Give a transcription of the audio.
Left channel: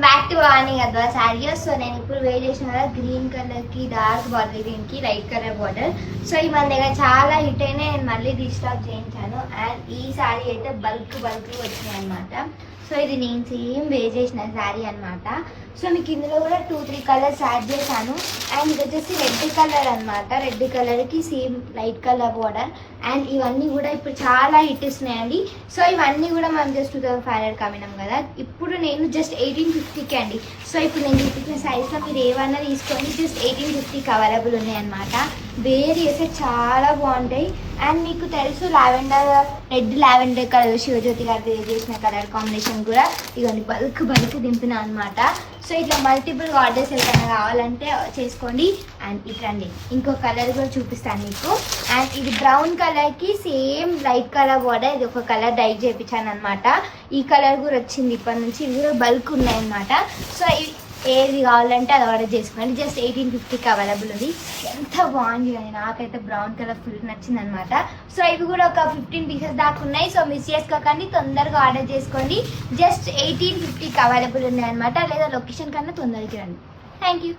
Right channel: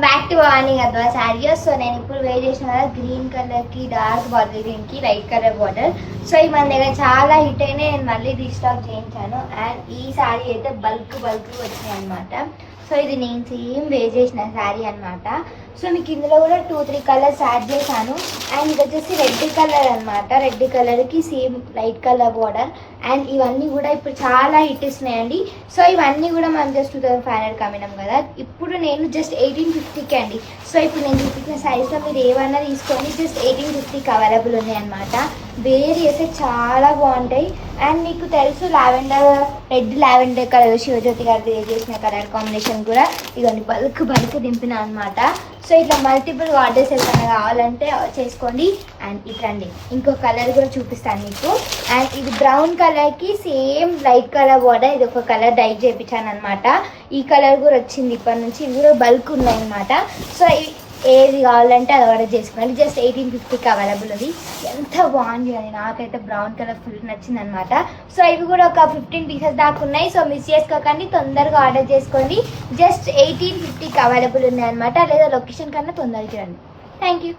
Welcome back to Vani Gadwal saris. So నేను ఇప్పుడు wear చేసిన కదా గ్రీన్ కలర్ కి డార్క్ బార్డర్, గ్రీన్ కి లైట్ కలర్ బార్డర్. సో ఈ మన దగ్గర చాలా హిట్ అయినా నేను మళ్ళీ రీస్టాక్ చేయించాను. అండ్ ఈ శారీ అయితే బల్క్ వచ్చినాయి అనమాట. సో ఇది నేను సేమ్ వేర్ చేసిన శారీ అనమాట. సో మీకు ఇందులో కూడా 2-3 కలర్స్ యాడ్ చేశాను. అండ్ ఇది వచ్చేసి రెడ్ కలర్ అనమాట. రెడ్ కలర్కి same light colour border. And ఇవన్నీ కూడా ఇప్పుడు చాలా హిట్ ఇస్తున్నాయండి. సో ఇవన్నీ కూడా మనం జస్ట్ 2500 అమ్మినాం కదా. ఇప్పుడు నేను జస్ట్ 1850కి అండి. సో ఇప్పుడు నేను చూపించిన సైజ్లో మీరు ఏమన్నా తీసుకొని జస్ట్ 1850కి అవైలబుల్ ఉన్నాయి అనమాట. వేర్ చేస్తే చాలా బాగుంటాయి. అండ్ మీకు తెలుసు రెడ్ లావెండర్ కలర్ శివజ్యోతి గారు వేర్ చేసిన కలర్ కాంబినేషన్ కూడా ఇవన్నీ బల్క్ దింపిన అనమాట. సో ఇట్లా మల్టిపుల్ ఆర్డర్స్ ఏమైనా కావాలంటే చేసుకోండి. అండ్ ఇట్లండి ఇంకో కలర్ కూడా చూపిస్తాను మీకు. అండ్ ఇది బ్రౌన్ కలర్కి సేమ్ లైట్ కలర్ బార్డర్. ఇది ఒక కలర్ డై చేయించాను అనమాట. ఈ కలర్ కూడా వచ్చింది ఇప్పటి నుంచి. ఇవి కూడా బల్క్ ఉన్నాయి అనమాట. సో ఏది కావాలంటే అది ఆర్డర్ చేసుకోండి. జస్ట్ 1850కి అవైలబుల్ ఉంది. ఎంత బాగుంది అది, నాకైతే బ్రౌన్ కలర్ ఫుల్ నచ్చింది అనమాట. సో ఇవి కూడా ఒక 15 పీసెస్ దాకా ఉన్నాయి. సో మిస్ చేసుకోకండి, తొందరగా ఆర్డర్ చేసుకోండి. జస్ట్ 1850కి అవైలబుల్ ఉన్నాయి అనమాట. లేదా లొకేషన్ కన్నా తొందరగా రండి. Thank you.